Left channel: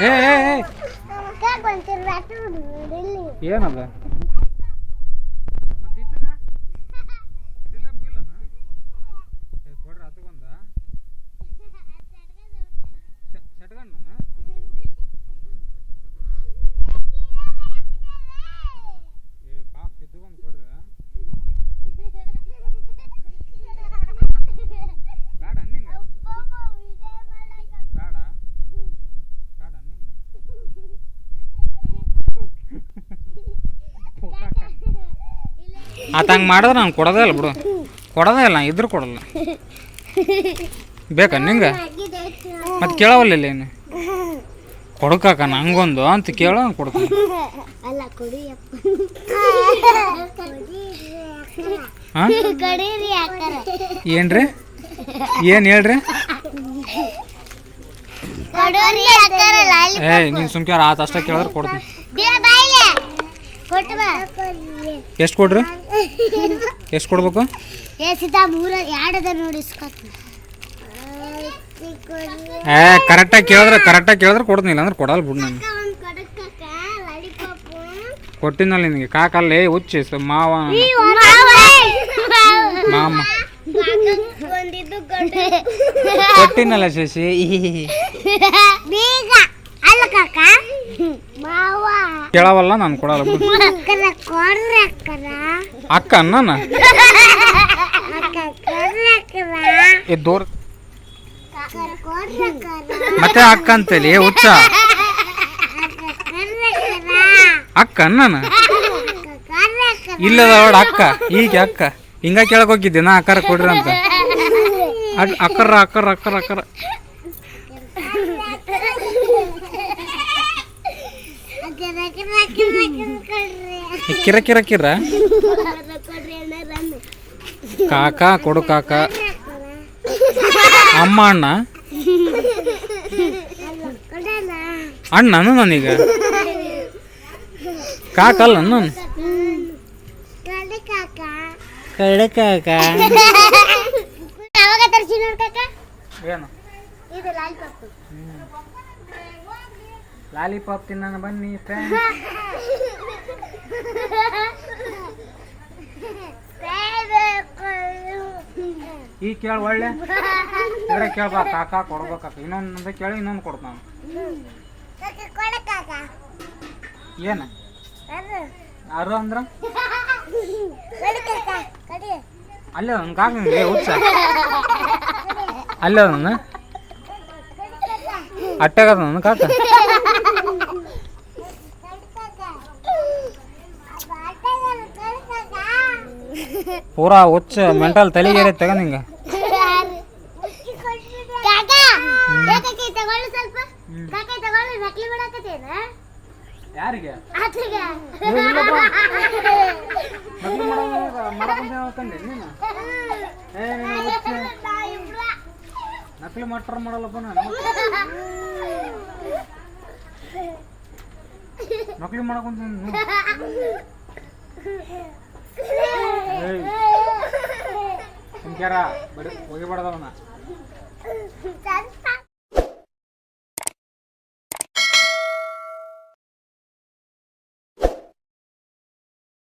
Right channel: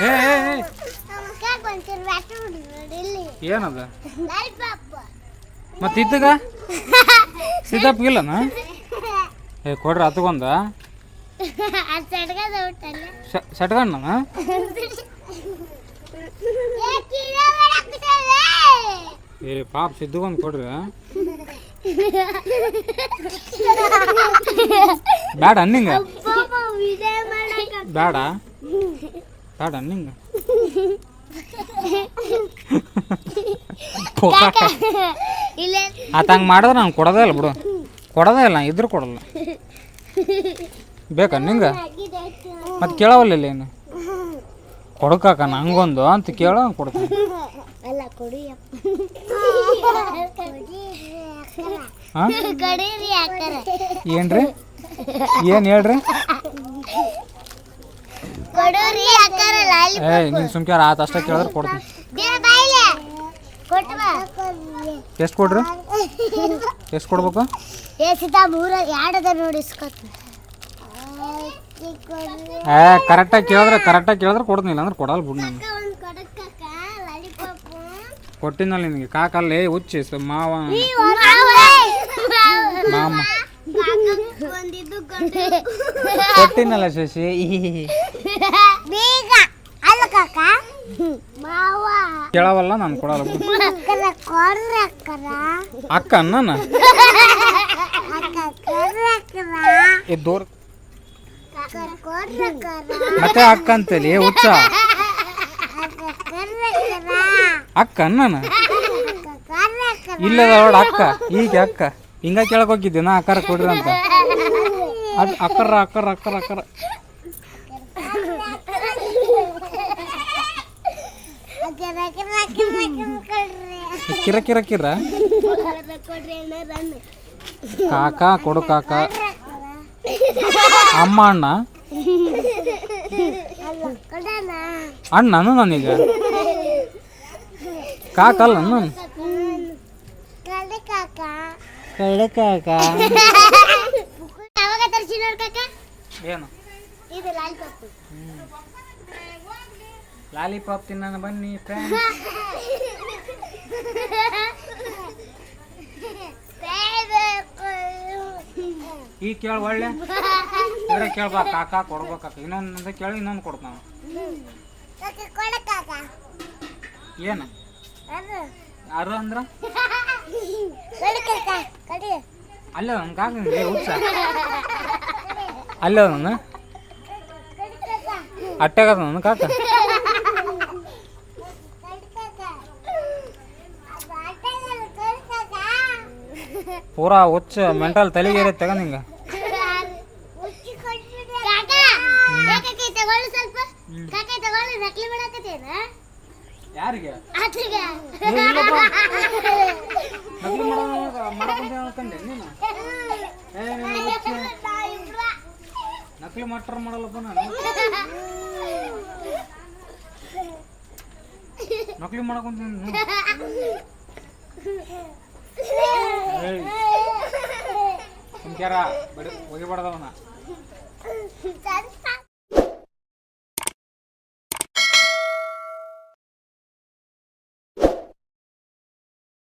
ಏ ಏನದ ಮತ್ತೆ ಇದ್ದಗ ಸಿದ್ದಪ್ಪಗಿಲ್ಲನ ಏ ಕೊಡ್ರಿ ಹತ್ಕೊಂದ ಸಟ್ಗಣ್ಣ ಏ ಪಾಪ ಸಿದ್ದುಗೊಂದು ಕೊಡ್ರಿ ಬೇಡ ಅನ್ನಿಂಗ ಬೇಡ ಬೇಡ ಅನ್ನಿಂಗ ಆತ ಹಂಗೆ ಮಾಡಿದ್ರೆ ನಾನು ಕೊಡೋದೇ ಇಲ್ಲ ಬಿಡು ಕೊಡೋದೇ ಇಲ್ಲ ಇದ್ರೂ ಕೊಡಲ್ಲ ಬೇಕಾ ನಿಂಗೆ ಮತ್ತೆ ಕೇಳವಲ್ಲ ಏನು ಕೊಡಕಾಕ ನಂಗೊಂದು ಅಂತ ಕೇಳೋ ಕೊಡ್ತೀನಿ ಹಾಂ ಏನ್ರಿ ಏನು ಹೇಳ್ರಿ ಏ ನೀನು ಸುಮ್ಕ್ಯಾರ ಆತ ಅಷ್ಟೇ ಕೇಳಿದ್ರೆ ಕೊಡ್ತೀನಿ ಎಷ್ಟು ಕೊಡ್ರಿ ಎಷ್ಟು ಕೊಡ್ಬೇಕು ಏ ಕರೆಕ್ಟಾಗಿ ಕೇಳಿದ್ರೆ ಕೊಡ್ತೀನಿ ಇಲ್ಲ ಅಂದ್ರೆ ಕೊಡಲ್ಲ ಬಿಡು ನಾನು ಕೊಟ್ಟಿನಲ್ಲ ನಿನಗೆ ಕಾಕಲ್ಲೇ ಹುಚ್ಚಿ ಮಾವ ಮಾಮ ಕೊಟ್ಟಿನಲ್ಲ ಶಶಿ ಕೇಳವಲ್ಲ ನಾನು ಕೊಡಲ್ಲ ಅಕ್ಕ ಅನ್ನ ದೂರ ಮತ್ತೆ ಅಕ್ಕ ಅಂತೇಳಿ ಹುಚ್ಚ ಅಕ್ಕ ಅನ್ನ ಇಲ್ಲದ ಅವಳ ಅಕ್ಕ ಈಗ ಅಕ್ಕ ಹಿಂಗ ಕೇಳಕ್ ಹೋಗಿದ್ದೆ ನಾ ಅಕ್ಕಾರ ಕೊಡ್ರಿ ಅಂತ ಅಕ್ಕರ ಅಕ್ಕರ ಅಕ್ಕರ ಅಕ್ಕರ ಕಿರ ಕಿರ ಕಿರ ಕಾಕ ಕೊಡು ಕಾಕ ಅಮ್ಮ ಅಣ್ಣ ಅಣ್ಣನು ನಾನೀಗ ಕಾಕಲ್ಲ ನಾನು ಕಡೆ ಕಾಕ ಏನು ಲಾಲಿಪಾಪ್ ತಿನ್ನ ಬನ್ನಿ ಫ್ರೆಂಡ್ ಈಗ ಕೇಳ ಒಳ್ಳೆ ಬೇರೆ ಕೇಳ್ಬಾ ಕಾಕ ಕೊಡ್ಬೇಕಾಕ ಇನ್ನೊಂದು ಕೇಳಿ ಇನ್ನೊಂದು ಕೊಡ್ತ ನಾನು ಏನು ಯಾರು ಅಂದ್ರ ಅಲ್ಲೇ ನನ್ನ ಕಾಕ ಹುಚ್ಚ ಅಲ್ಲೇ ನನ್ನ ಅಟ್ಟಾಗದ ನನ್ನ ಕಾಕ ಪೂರಾ ಹುಚ್ಚ ಮೆಂಟಲ್ ತಲೆಗೇರಿ ತಗ ನಿಂಗ ಯಾರಿಗೆ ನಕಲಿ ಮಾಡಕಂಡೆ ನೀನು ನಕಲಿ ಮಟ್ರ ಮಾಡಲ್ಲಪ್ಪ ನಾನು ನಕಲಿ ಮಾಡಕೊಂತ ಬಡಿ ಹೋಗಿಬಾರ್ದವನ